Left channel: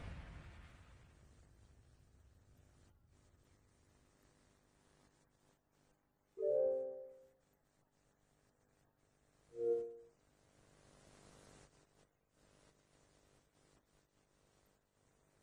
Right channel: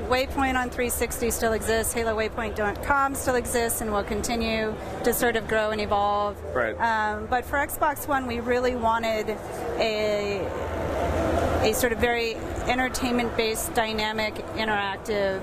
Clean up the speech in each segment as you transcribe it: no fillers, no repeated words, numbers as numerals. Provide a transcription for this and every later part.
right? Waypoint on 360 still exists. HaloWaypoint.com still exists and will continue to sort of grow and evolve. Right. But for Xbox One, we really wanted a sort of very entertainment-based, dynamic, interactive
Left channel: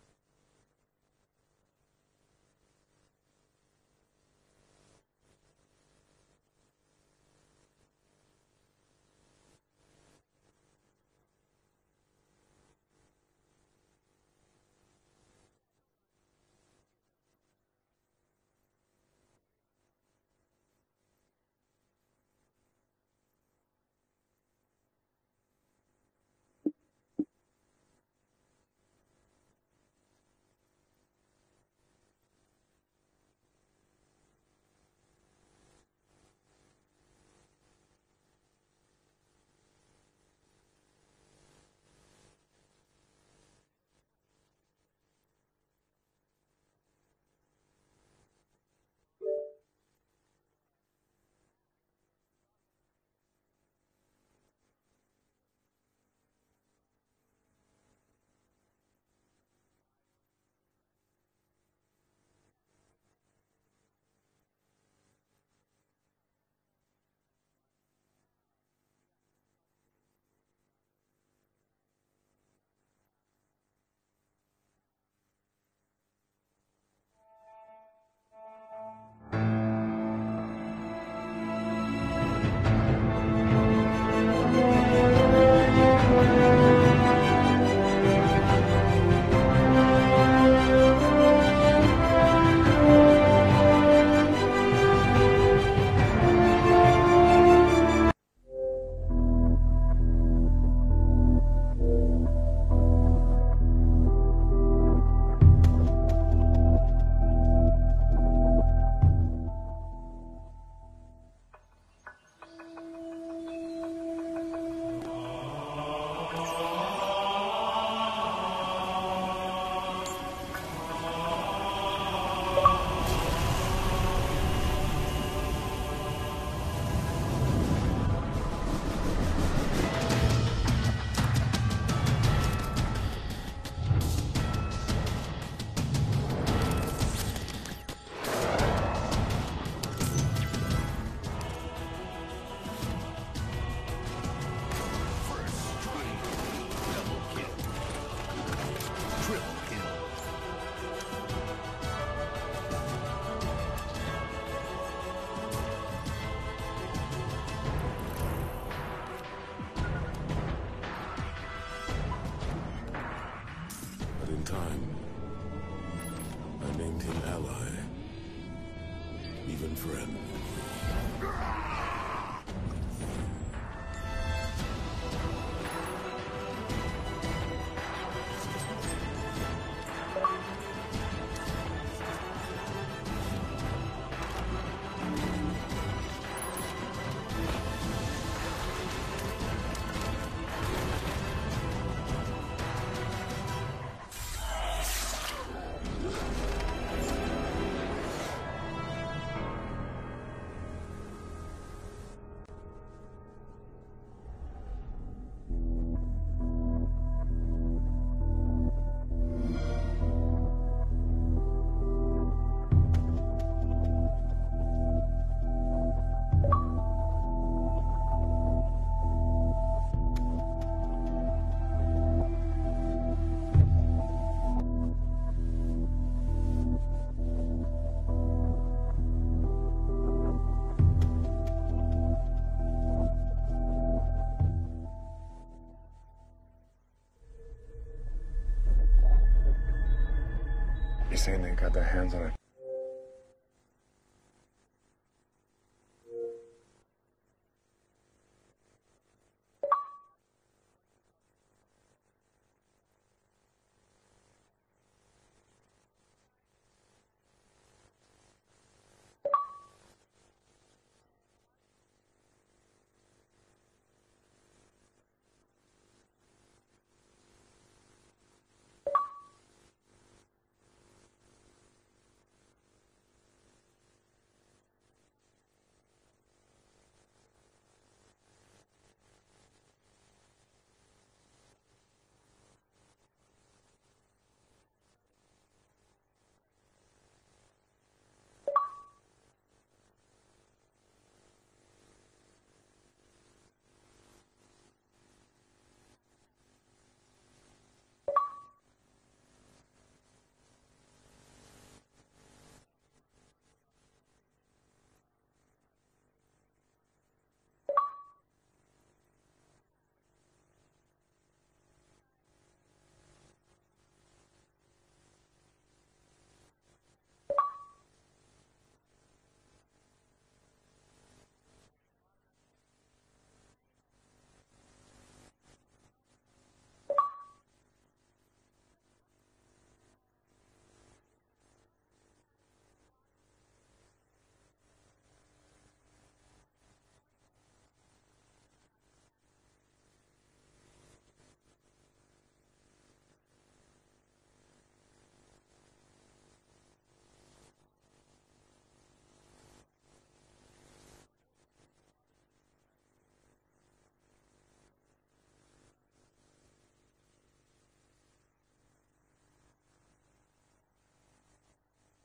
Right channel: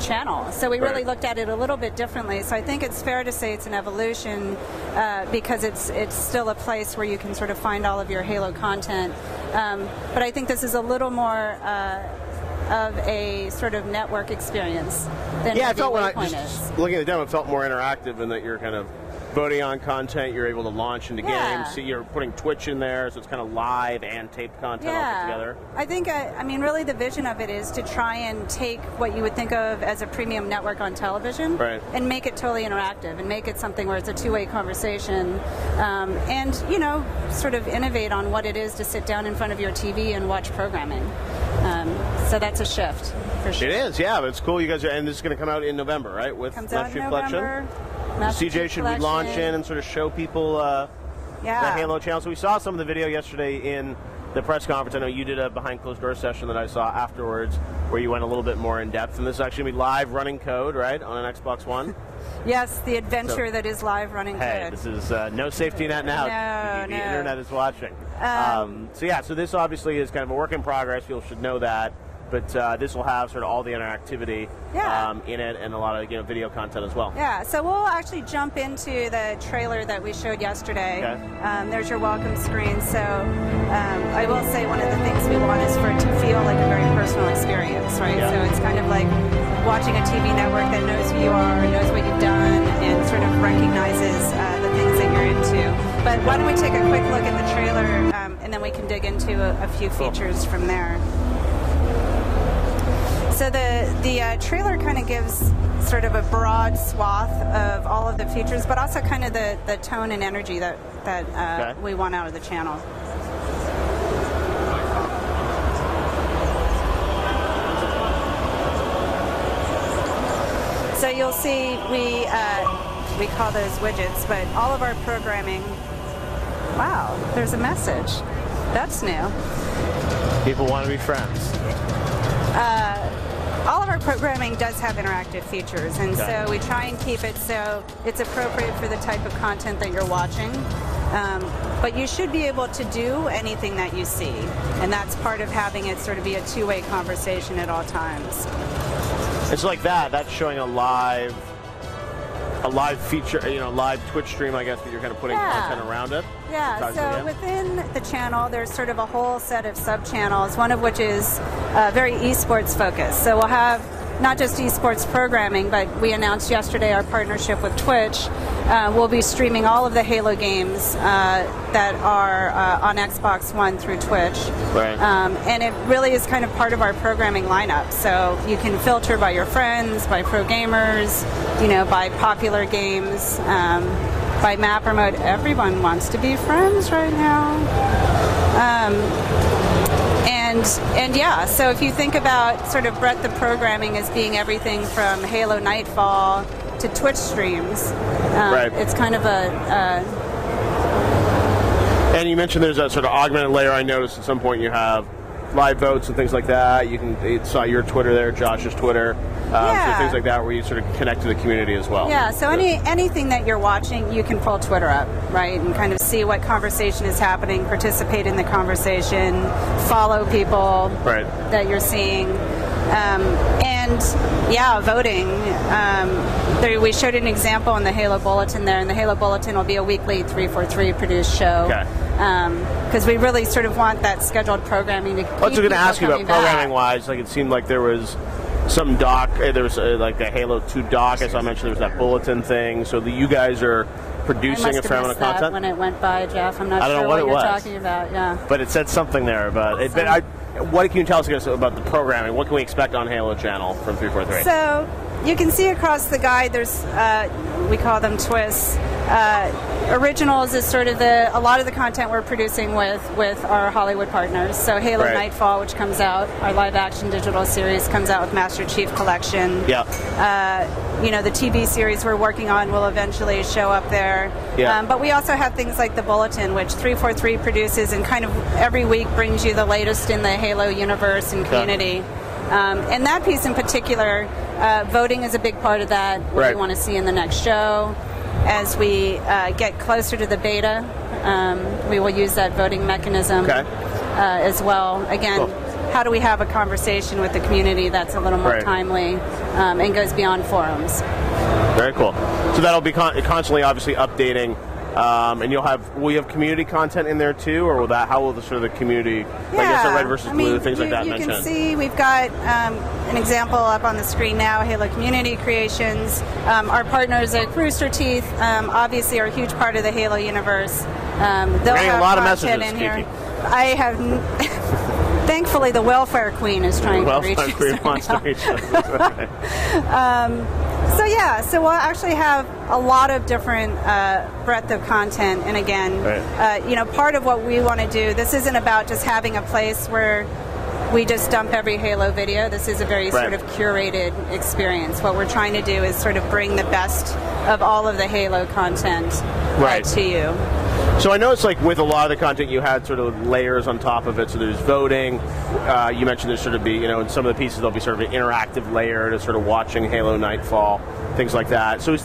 channel. So we really looked at it a little bit differently. So I think it's fair to say it's an evolution because it's still a place where you can sort of find all of your Halo content. But I think this is a little more of a sort of network experience than I felt when I Waypoint just looking at the demo, it felt more interactive in that you're kind of voting on content, you're able to launch into games. So you're putting Twitch in there, so it's kind of live and taped content all put together. I think, I mean, really the vision of it is to try and take what you would think of as a premium network on television and make it totally interactive and make it something where it's a two-way conversation and, you know, sort of innovate on what it is to sit down in front of your TV and watch programming. So that's a shift, for sure. It is, yeah, but it's cool. You guys are, and this is going to come out in November, right? With Master Chief Collection. CJ, should we launch in and sort of show people the Halo channel? So we saw some of the video yesterday in the press conference. I know you did a behind closed door session that I saw afterwards where you went a little bit more in depth. And this is actually going to be live running code, right, on an Xbox One? Yes, the adventure that is live running code. This is no safety net now. The internet is watching. So this obviously is kind of a work in progress. People should know that. But this will have sort of all the interactivity in it and a lot of video content as well. Yeah, so we'll actually jump into the trailer that we showed yesterday. There's your welcome screen. So I will say one of the things we want is for it to feel like a very personal experience, right? So it's kind of like watching a TV network that knows who you are, knows what you've done, and sort of recognizes the things that you're into. But why don't we take a quick look at the trailer, and then we can dig into a few features from there. So the trailer kind of gives sort of a broad swath of all of the features, but also kind of the tone and energy that we want out of the channel. So you'll see we call those widgets, but all of our programming. Wow, there's a message. That's new. People want to be friends. All of our programming does have interactive features, and so we try and keep it so it's appropriate for the type of content that you're watching. But you should be able to do anything that you see, and that's part of having it sort of be a two-way conversation at all times. It's like that's showing a live feature, live Twitch stream, I guess, that you're kind of putting content around it. Yeah, so within the channel, there's sort of a whole set of sub-channels, one of which is very esports focused. So we'll have not just esports programming, but we announced yesterday our partnership with Twitch. We'll be streaming all of the Halo games that are on Xbox One through Twitch. And it really is kind of part of our programming lineup. So you can filter by your friends, by pro gamers, by popular games, by map or mode. Everyone wants to be friends right now. And yeah, so if you think about sort of breadth of programming as being everything from Halo Nightfall to Twitch streams, it's kind of a... And you mentioned there's a sort of augmented layer. I noticed at some point you have live votes and things like that. It saw your Twitter there, Josh's Twitter, so things like that where you sort of connect to the community as well. Yeah, so anything that you're watching, you can pull Twitter up, right, and kind of see what conversation is happening, participate in the conversation, follow people that you're seeing. And yeah, voting. We showed an example in the Halo Bulletin there, and the Halo Bulletin will be a weekly 343 produced show. Because we really sort of want that scheduled programming to keep people coming back. I was going to ask you about programming-wise. Like, it seemed like there was some doc, there was like a Halo 2 doc, as I mentioned, there was that bulletin thing. So you guys are producing a fair amount of content? When it went by, Jeff. I'm not sure what you're talking about. Yeah. But it said something there about it. But what can you tell us about the programming? What can we expect on Halo Channel from 343? So you can see across the guide, there's we call them twists. Originals is sort of a lot of the content we're producing with our Hollywood partners. So Halo Nightfall, which comes out, our live-action digital series comes out with Master Chief Collection. The TV series we're working on will eventually show up there. But we also have things like the Bulletin, which 343 produces and kind of every week brings you the latest in the Halo universe and community. And that piece in particular, voting is a big part of that. What we want to see in the next show. As we get closer to the beta, we will use that voting mechanism as well. Again, how do we have a conversation with the community that's a little more timely and goes beyond forums? Very cool. So that'll be constantly, obviously, updating. And will you have community content in there too, or how will the sort of the community, like I said, red versus blue, things like that mentioned? You can see we've got an example up on the screen now, Halo Community Creations. Our partners at Rooster Teeth obviously are a huge part of the Halo universe. They'll have a lot of content messages in here. I have. Thankfully, the welfare queen is trying to reach us. The welfare queen wants to reach us. So yeah, so we'll actually have a lot of different breadth of content, and again, part of what we want to do, this isn't about just having a place where we just dump every Halo video. This is a very sort of curated experience. What we're trying to do is sort of bring the best of all of the Halo content to you. So I know it's like with a lot of the content you had sort of layers on top of it. So there's voting. You mentioned there's sort of be, in some of the pieces there'll be sort of an interactive layer to sort of watching Halo Nightfall, things like that. So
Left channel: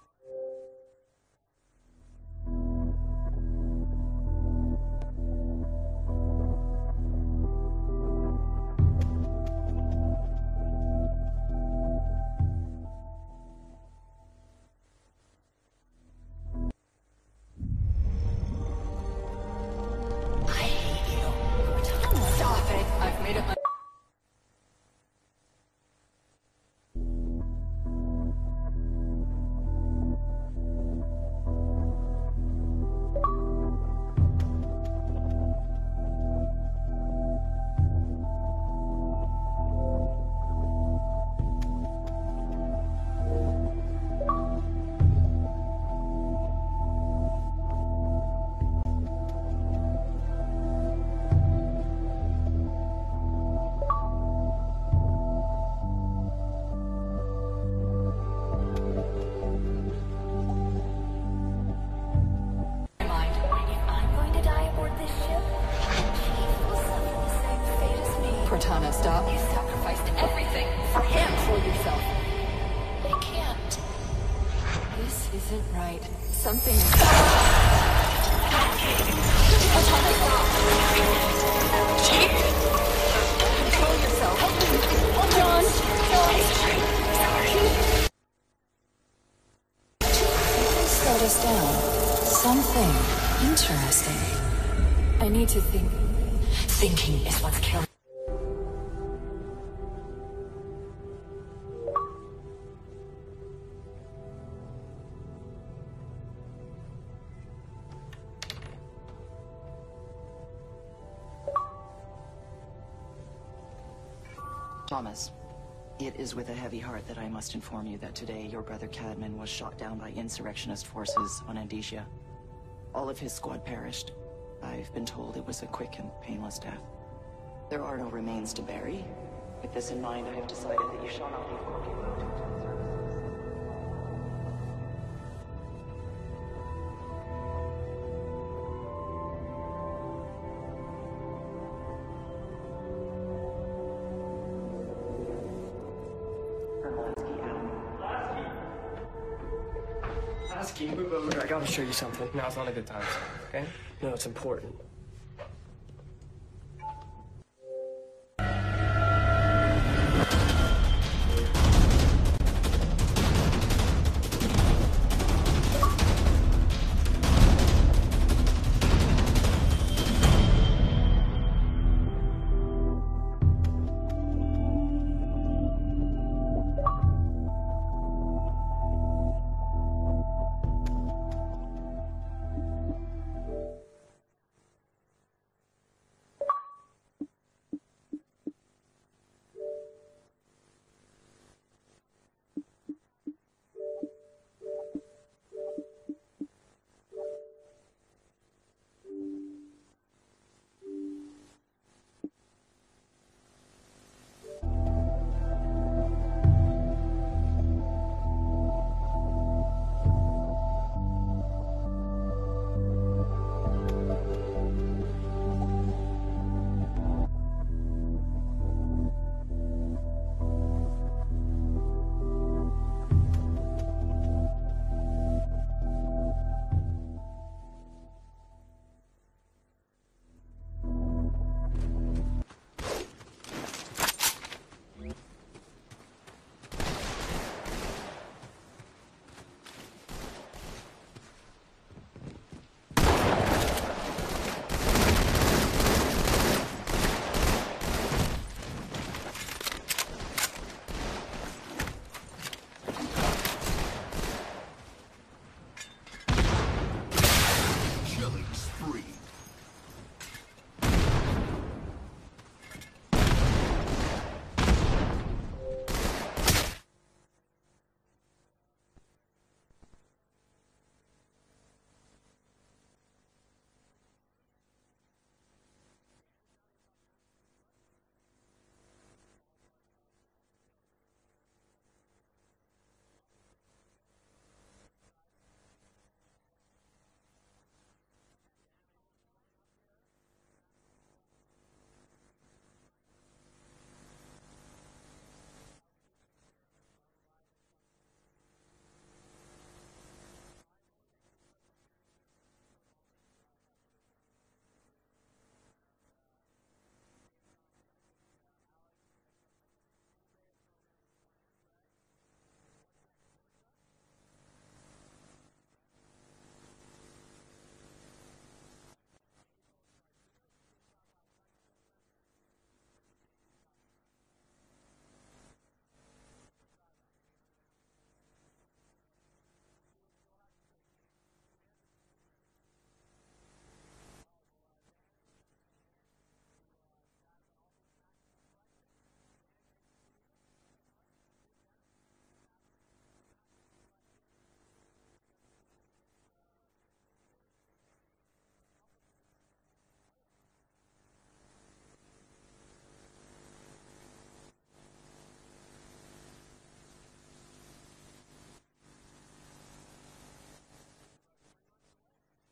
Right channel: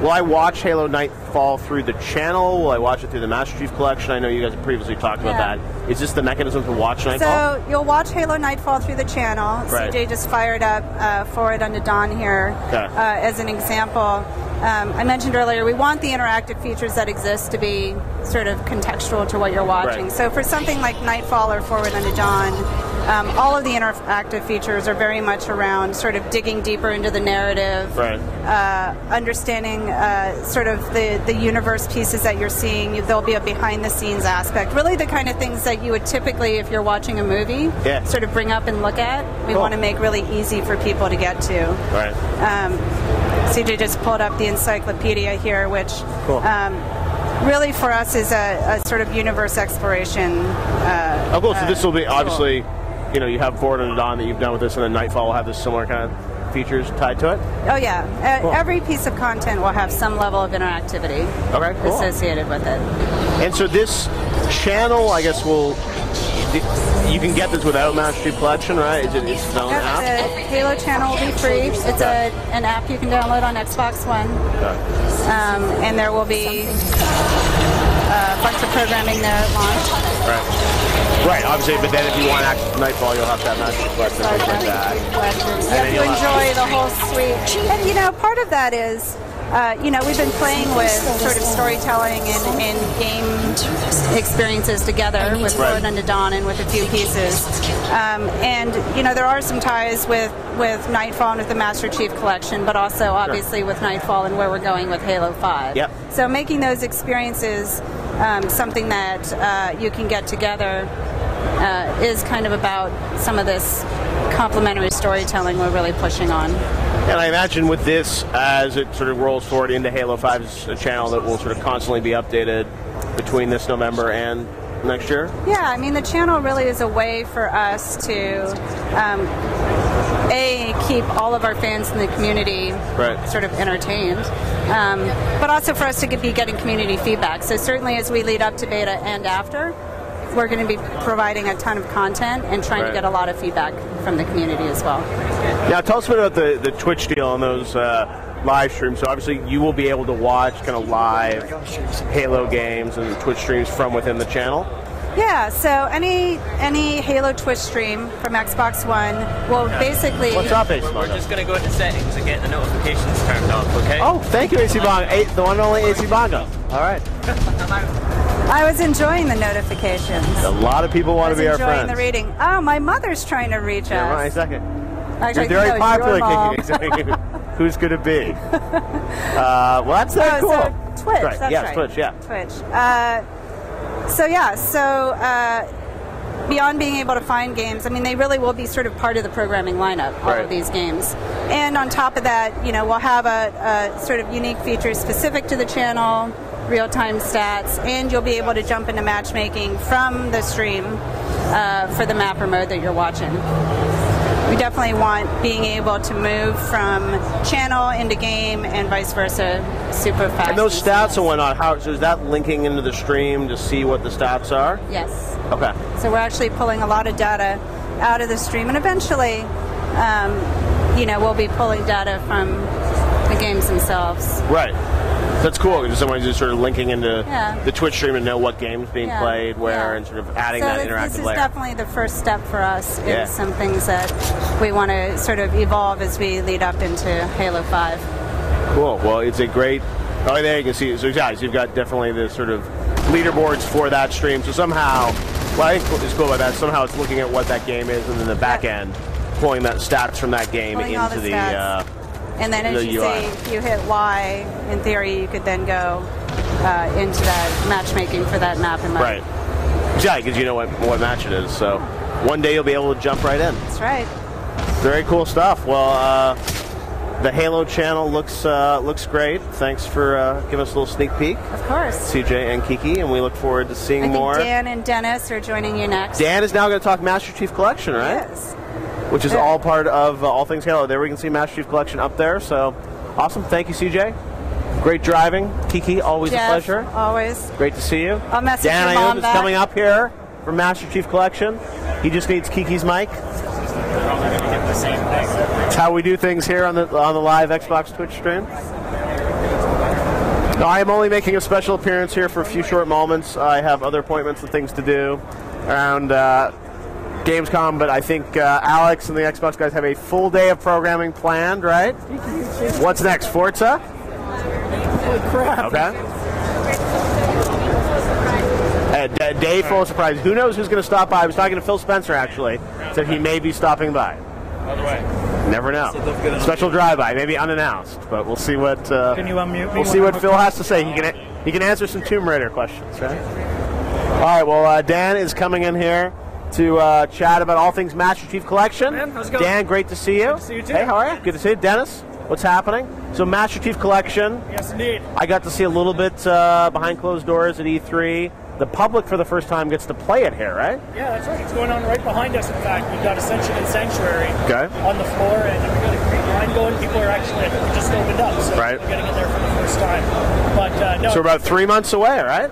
will I watch Halo Nightfall through the channel? Will I watch it through the Master Chief Collection? I know you guys have previously talked about that. Is this the mechanism to watch Nightfall? So you'll watch Halo Nightfall through the channel. CJ just fired up Forward Unto Dawn here as an example. I mentioned earlier, we want the interactive features that exist to be sort of contextual to what you're watching. So for something like Nightfall or Forward Unto Dawn, all of the interactive features are very much around sort of digging deeper into the narrative, understanding sort of the universe pieces that you're seeing. There'll be a behind-the-scenes aspect, really the kind of things that you would typically, if you're watching a movie, sort of bring up and look at. We want to make really easy for people to get to. CJ just pulled up the encyclopedia here, which really for us is a sort of universe exploration. Cool. So this will be obviously, you have Forward Unto Dawn that you've done with this, and then Nightfall will have this similar kind of features tied to it? Oh yeah. Every piece of content will have some level of interactivity associated with it. And so this channel, I guess, you can get this without Master Chief Collection, right? The Halo channel will be free. It's an app you can download on Xbox One. And there will be a bunch of programming there at launch. Right, obviously, but then if you want access to Nightfall, you'll have to have Master Chief Collection. You have to enjoy the whole suite. And, part of that is, we've been playing with sort of storytelling and game experiences together with Forward Unto Dawn and with a few pieces. And, there are some ties with Nightfall and with the Master Chief Collection, but also obviously with Nightfall and where we're going with Halo 5. So making those experiences something that you can get together is kind of about some of this complementary storytelling we're really pushing on. And I imagine with this, as it sort of rolls forward into Halo 5, it's a channel that will sort of constantly be updated between this November and next year? Yeah, I mean, the channel really is a way for us to, keep all of our fans in the community sort of entertained, but also for us to be getting community feedback. So certainly as we lead up to beta and after, we're going to be providing a ton of content and trying to get a lot of feedback from the community as well. Now, tell us a bit about the Twitch deal on those live streams. So obviously you will be able to watch kind of live Halo games and Twitch streams from within the channel. Yeah, so any Halo Twitch stream from Xbox One will basically... What's up, AC Bongo? We're just going to go into settings and get the notifications turned off, okay? Oh, thank you, AC Bongo. The one and only AC Bongo. All right. I was enjoying the notifications. A lot of people want to be our friends. Enjoying the reading. Oh, my mother's trying to reach us. Yeah, right, second. Actually, you're very popular, kicking. Who's going to be? Well, that's cool. So Twitch, right. That's right. Twitch, yeah. Twitch. Beyond being able to find games, I mean, they really will be sort of part of the programming lineup, all of these games. And on top of that, we'll have a sort of unique feature specific to the channel, real-time stats, and you'll be able to jump into matchmaking from the stream for the map or mode that you're watching. We definitely want being able to move from channel into game and vice versa super fast. And those stats and whatnot, so is that linking into the stream to see what the stats are? Yes. Okay. So we're actually pulling a lot of data out of the stream, and eventually, you know, we'll be pulling data from the games themselves. Right. That's cool. Because someone's just sort of linking into the Twitch stream and know what game's being played, where, and sort of adding that interactive layer. This is definitely the first step for us in some things that we want to sort of evolve as we lead up into Halo 5. Cool. Well, it's a great... Oh, there you can see. So, guys, you've got definitely the sort of leaderboards for that stream. So somehow, what I think is cool about that, somehow it's looking at what that game is, and then the back end, pulling that stats from that game into the... And then as you see, if you hit Y, in theory, you could then go into that matchmaking for that map and map. Right. Yeah, because you know what match it is. So one day you'll be able to jump right in. That's right. Very cool stuff. Well, the Halo channel looks great. Thanks for giving us a little sneak peek. Of course. CJ and Kiki, and we look forward to seeing more. I think Dan and Dennis are joining you next. Dan is now going to talk Master Chief Collection, right? Yes. Which is all part of All Things Halo. There we can see Master Chief Collection up there. So awesome. Thank you, CJ. Great driving. Kiki, always a pleasure. Always. Great to see you. I'll message Dan your mom is coming up here for Master Chief Collection. He just needs Kiki's mic. That's how we do things here on the live Xbox Twitch stream. No, I am only making a special appearance here for a few short moments. I have other appointments and things to do around Gamescom, but I think Alex and the Xbox guys have a full day of programming planned, right? What's next? Forza? Holy crap. Okay. Dave, full of surprise. Who knows who's going to stop by? I was talking to Phil Spencer, actually. Said he may be stopping by. By the way. Never know. Special drive-by, maybe unannounced, but we'll see what. Can you unmute me? We'll see what Phil has to say. He can answer some Tomb Raider questions, right? All right. Well, Dan is coming in here to chat about all things Master Chief Collection. Man, how's it going? Dan, great to see you. Good to see you too. Hey, how are you? Good to see you. Dennis, what's happening? So Master Chief Collection. Yes, indeed. I got to see a little bit behind closed doors at E3. The public for the first time gets to play it here, right? Yeah, that's right. It's going on right behind us, in fact. We've got Ascension and Sanctuary on the floor, and we've got a great line going. People are actually, I think we just opened up, so we're getting in there for the first time. But no. So we're about 3 months away, right?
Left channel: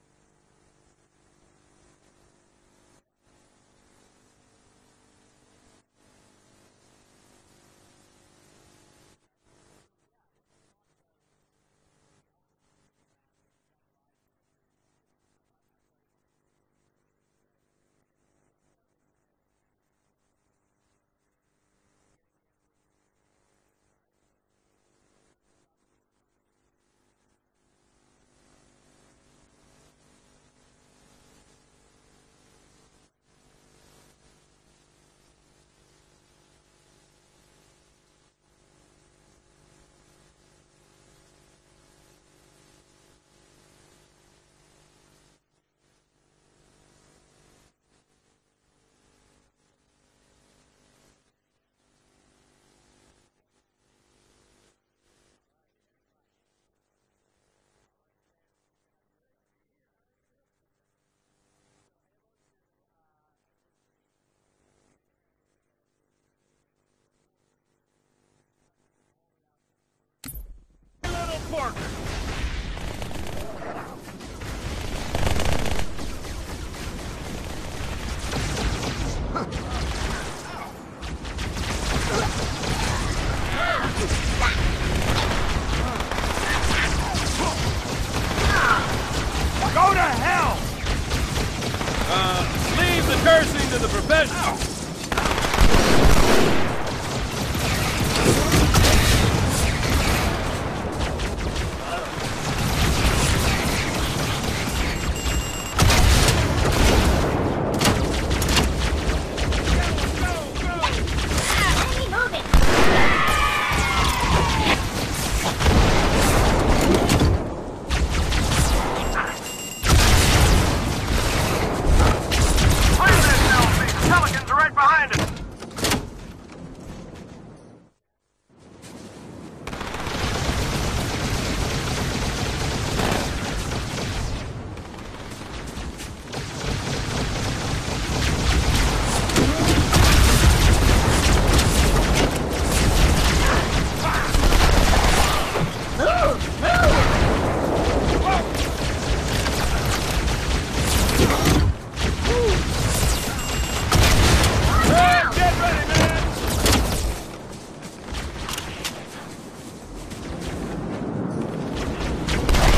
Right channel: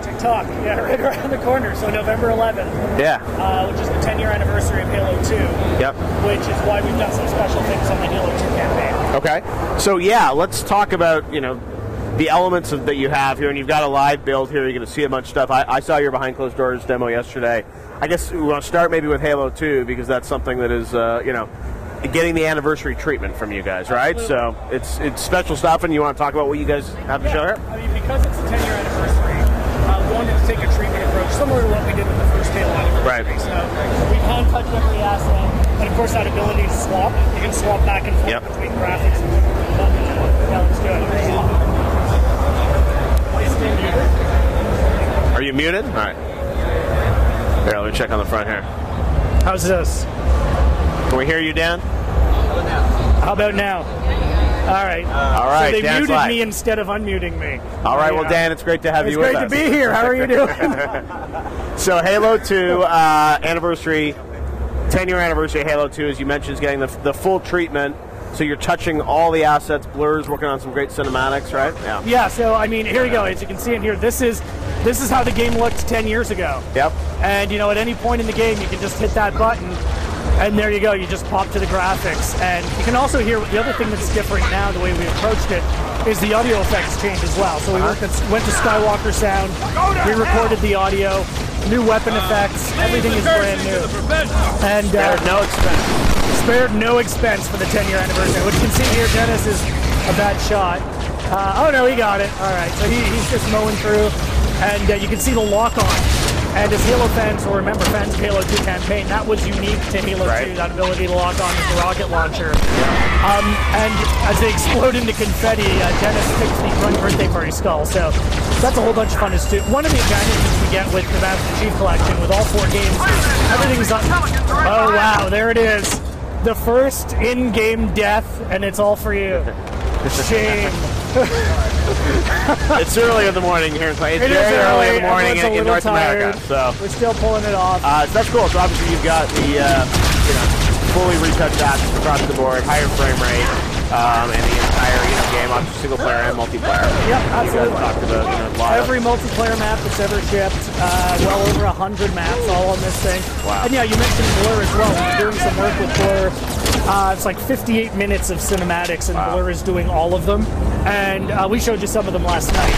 TikTok, yeah, right around the corner. So November 11th. Yeah. Which is the 10-year anniversary of Halo 2. Yep. Which is why we've done some special things on the Halo 2 campaign. Okay. So yeah, let's talk about, the elements that you have here, and you've got a live build here. You're going to see a bunch of stuff. I saw your behind closed doors demo yesterday. I guess we want to start maybe with Halo 2 because that's something that is, getting the anniversary treatment from you guys, right? Absolutely. So it's special stuff, and you want to talk about what you guys have to show here? I mean, because it's the 10-year anniversary, we wanted to take a treatment approach similar to what we did with the first Halo anniversary. Right. So we hand touch every asset, and of course that ability to swap. You can swap back and forth between graphics and yeah, let's do it. Are you muted? All right. Here, let me check on the front here. How's this? Can we hear you, Dan? How about now? All right. All right. So they Dan's muted live. me instead of unmuting me. All right. Well, Dan, it's great to have you with us. It's great to be here. How are you doing? So Halo 2 anniversary, 10-year anniversary of Halo 2, as you mentioned, is getting the full treatment. So you're touching all the assets, blurs, working on some great cinematics, right? Yeah. So I mean, here we go. As you can see in here, this is how the game looked 10 years ago. Yep. And at any point in the game, you can just hit that button, and there you go. You just pop to the graphics, and you can also hear the other thing that's different now. The way we approached it is the audio effects changed as well. So we went to Skywalker sound. We recorded the audio, new weapon effects. Leave the cursing to the professionals. And spared no expense for the 10-year anniversary. What you can see here, Dennis, is a bad shot. Oh no, he got it. All right, so he's just mowing through, and you can see the lock-on. And as Halo fans will remember fans of Halo 2 campaign, that was unique to Halo 2, that ability to lock on the rocket launcher. And as they explode into confetti, Dennis takes me from the birthday party skull. So that's a whole bunch of fun too. One of the advantages you can get with the Master Chief Collection with all 4 games, everything's on. Oh wow, there it is. The first in-game death, and it's all for you. Shame. It's early in the morning here. It's very early in the morning in North America. So we're still pulling it off. That's cool. So obviously you've got the fully reset graphics across the board, higher frame rate, and the entire game on single player, multiplayer. Yep, absolutely. Every multiplayer map that's ever shipped, over 100 maps all on this thing. Wow. And yeah, you mentioned Blur as well. Doing some local Blur. It's like 58 minutes of cinematics, and Blur is doing all of them. And we showed you some of them last night.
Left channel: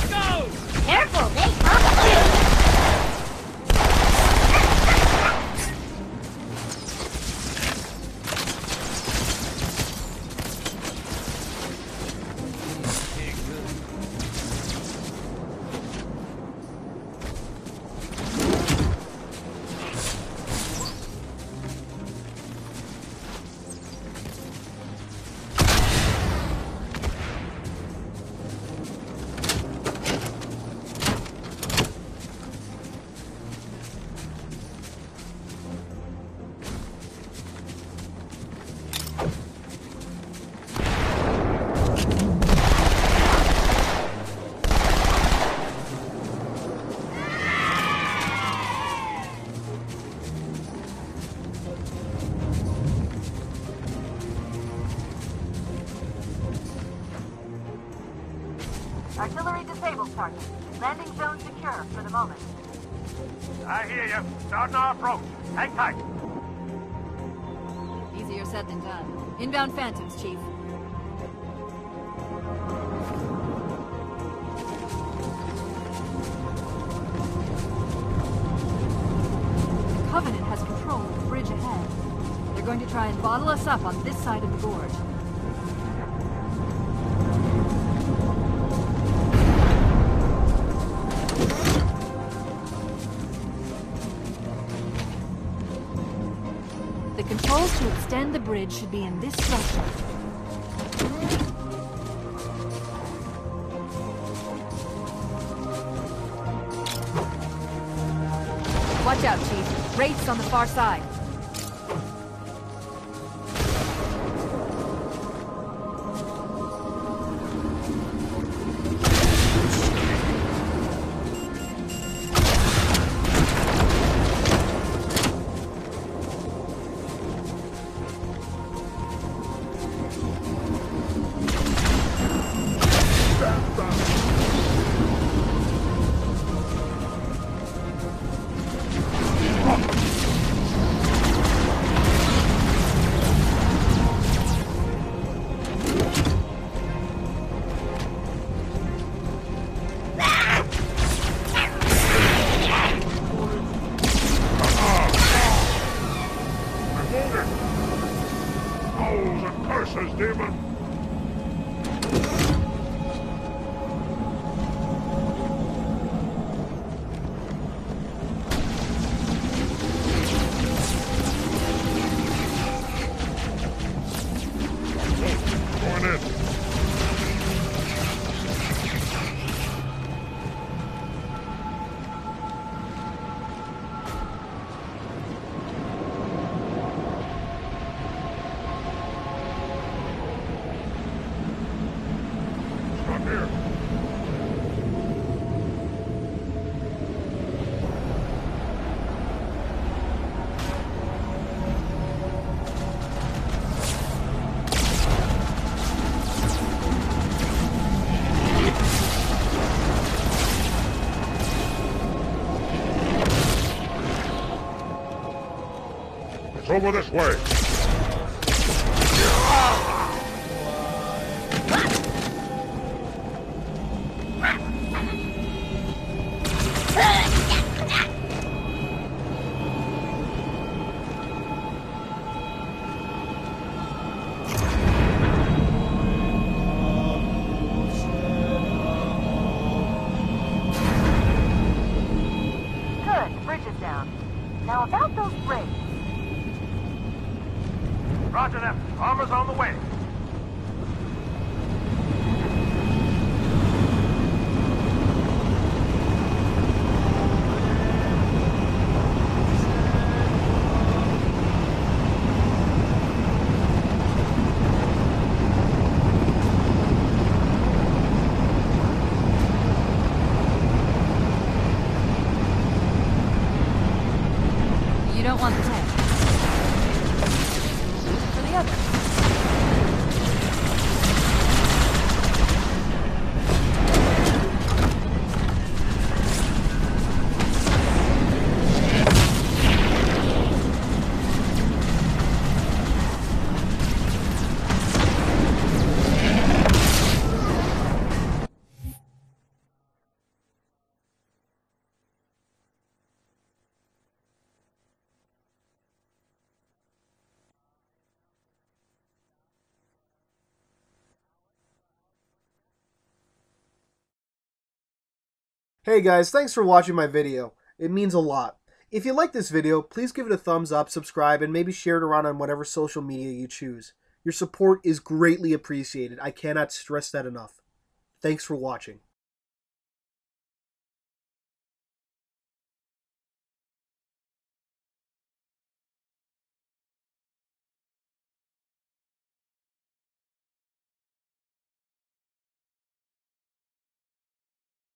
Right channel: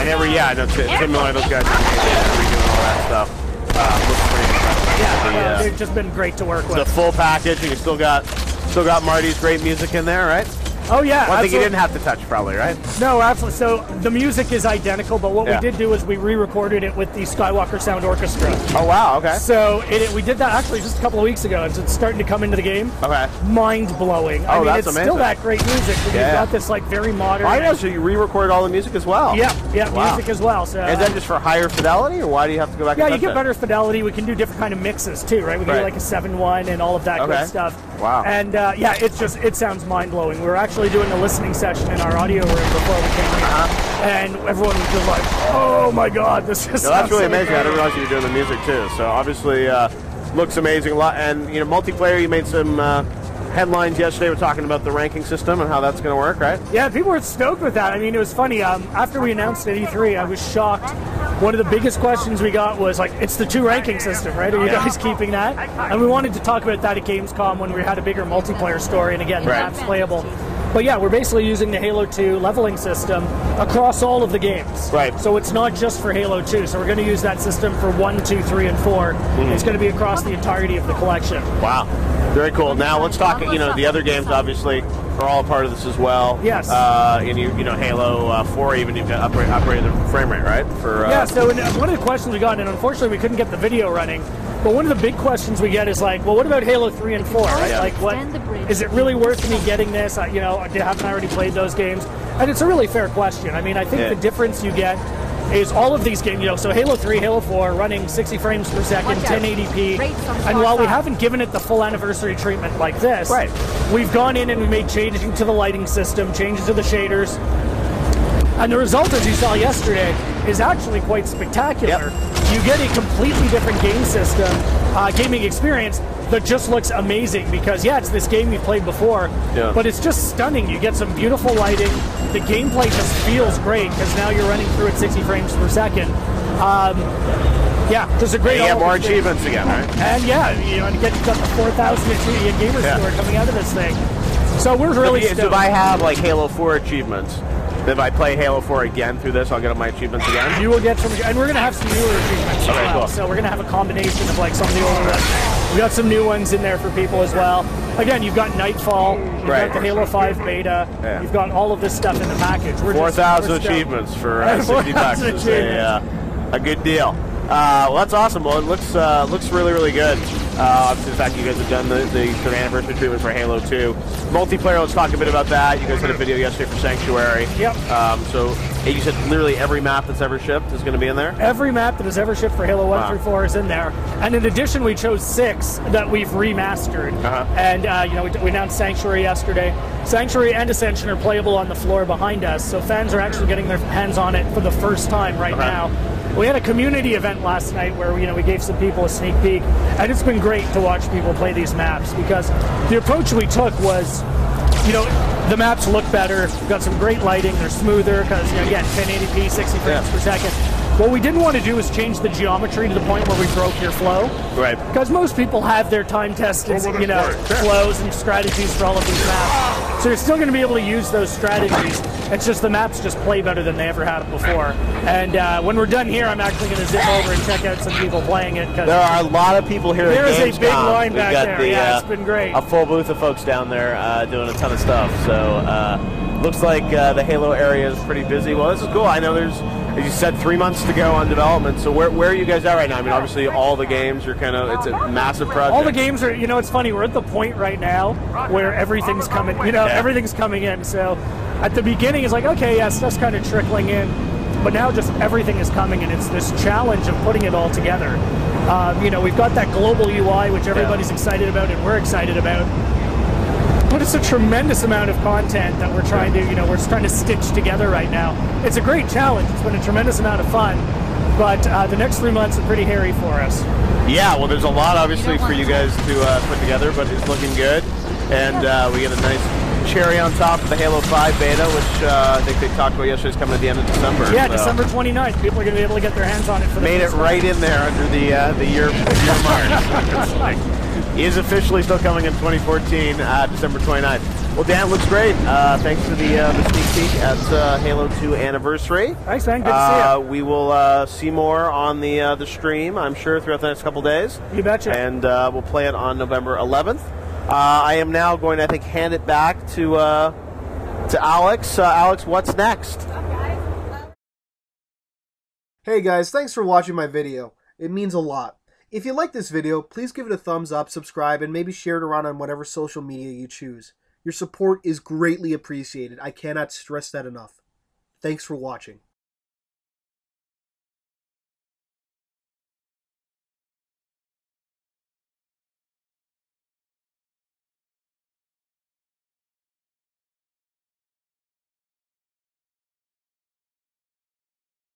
And that's it. Similar to those guys. It's just been great to work with. The full package, and you still got Marty's great music in there, right? Oh yeah. One thing you didn't have to touch, probably, right? No, absolutely. So the music is identical, but what we did do is we re-recorded it with the Skywalker Sound Orchestra. Oh wow, okay. So we did that actually just a couple of weeks ago. It's starting to come into the game. Okay. Mind blowing. Oh, it's that's amazing. Still that great music. But you've got this like very modern. I know. So you re-recorded all the music as well. Yeah, music as well. So. Is that just for higher fidelity, or why do you have to go back? Yeah, and you get better fidelity. We can do different kind of mixes too, right? We can do like a 7:1 and all of that good stuff. Wow. And it sounds mind blowing. We're actually doing a listening session in our audio room before we came, and everyone was just like, "Oh my God, this is." That's really amazing. I didn't realize you were doing the music too. So obviously, looks amazing. A lot, and multiplayer. You made some headlines yesterday. We're talking about the ranking system and how that's going to work, right? Yeah, people were stoked with that. I mean, it was funny. After we announced at E3, I was shocked. One of the biggest questions we got was like, "It's the 2 ranking system, right? Are you guys keeping that?" And we wanted to talk about that at Gamescom when we had a bigger multiplayer story, and again, that's playable. But yeah, we're basically using the Halo 2 leveling system across all of the games. Right. So it's not just for Halo 2. So we're going to use that system for 1, 2, 3, and 4. It's going to be across the entirety of the collection. Wow. Very cool. Now let's talk. The other games obviously are all a part of this as well. Yes. And Halo 4 even upgrade the frame rate, right? So one of the questions we got, and unfortunately we couldn't get the video running, but one of the big questions we get is like, well, what about Halo 3 and 4? Like, is it really worth me getting this? I haven't already played those games, and it's a really fair question. I mean, I think the difference you get is all of these games, so Halo 3, Halo 4, running 60 frames per second, 1080p. And while we haven't given it the full anniversary treatment like this, we've gone in and we made changes to the lighting system, changes to the shaders. And the result, as you saw yesterday, is actually quite spectacular. You get a completely different game system, gaming experience that just looks amazing because, it's this game you've played before, but it's just stunning. You get some beautiful lighting. The gameplay just feels great because now you're running through at 60 frames per second. There's a great... You get more achievements again, right? And you get up to 4,000 achievement gamer score coming out of this thing. So we're really stoked. So if I have like Halo 4 achievements, if I play Halo 4 again through this, I'll get my achievements again? You will get some, and we're going to have some new achievements as well. So we're going to have a combination of like some new ones. We got some new ones in there for people as well. Again, you've got Nightfall, you've got the Halo 5 beta, you've got all of this stuff in the package. 4,000 achievements for 60 bucks. A good deal. Well, that's awesome. Well, it looks really, really good. Obviously, the fact you guys have done the anniversary treatment for Halo 2. Multiplayer, let's talk a bit about that. You guys did a video yesterday for Sanctuary. So you said literally every map that's ever shipped is going to be in there? Every map that has ever shipped for Halo 1 through 4 is in there. And in addition, we chose 6 that we've remastered. And, we announced Sanctuary yesterday. Sanctuary and Ascension are playable on the floor behind us, so fans are actually getting their hands on it for the first time right now. We had a community event last night where we gave some people a sneak peek, and it's been great to watch people play these maps because the approach we took was, the maps look better. We've got some great lighting. They're smoother because you get 1080p, 60 frames per second. What we didn't want to do is change the geometry to the point where we broke your flow. Right. Because most people have their time-tested, flows and strategies for all of these maps. So you're still going to be able to use those strategies. It's just the maps just play better than they ever have before. And when we're done here, I'm actually going to zip over and check out some people playing it. There are a lot of people here at Gamescom. There's a big line back there. It's been great. A full booth of folks down there doing a ton of stuff. So looks like the Halo area is pretty busy. Well, this is cool. I know there's, as you said, 3 months to go on development. So where are you guys at right now? I mean, obviously all the games are it's a massive project. All the games are, it's funny, we're at the point right now where everything's coming, everything's coming in. So at the beginning, it's like, okay, stuff's kind of trickling in. But now just everything is coming, and it's this challenge of putting it all together. We've got that global UI, which everybody's excited about and we're excited about. But it's a tremendous amount of content that we're trying to, we're just trying to stitch together right now. It's a great challenge. It's been a tremendous amount of fun. But the next 3 months are pretty hairy for us. Yeah, well, there's a lot, obviously, for you guys to put together, but it's looking good. And we get a nice cherry on top of the Halo 5 beta, which I think they talked about yesterday, is coming at the end of December. Yeah, December 29th. People are going to be able to get their hands on it. For Made it right in there under the year mark. He is officially still coming in 2014, December 29th. Well, Dan, looks great. Thanks for the at Halo 2 anniversary. Thanks, man. Good to see you. We will see more on the stream, I'm sure, throughout the next couple days. You betcha. And we'll play it on November 11th. I am now going to, I think, hand it back to Alex. Alex, what's next? Hey guys, thanks for watching my video. It means a lot. If you like this video, please give it a thumbs up, subscribe, and maybe share it around on whatever social media you choose. Your support is greatly appreciated. I cannot stress that enough. Thanks for watching.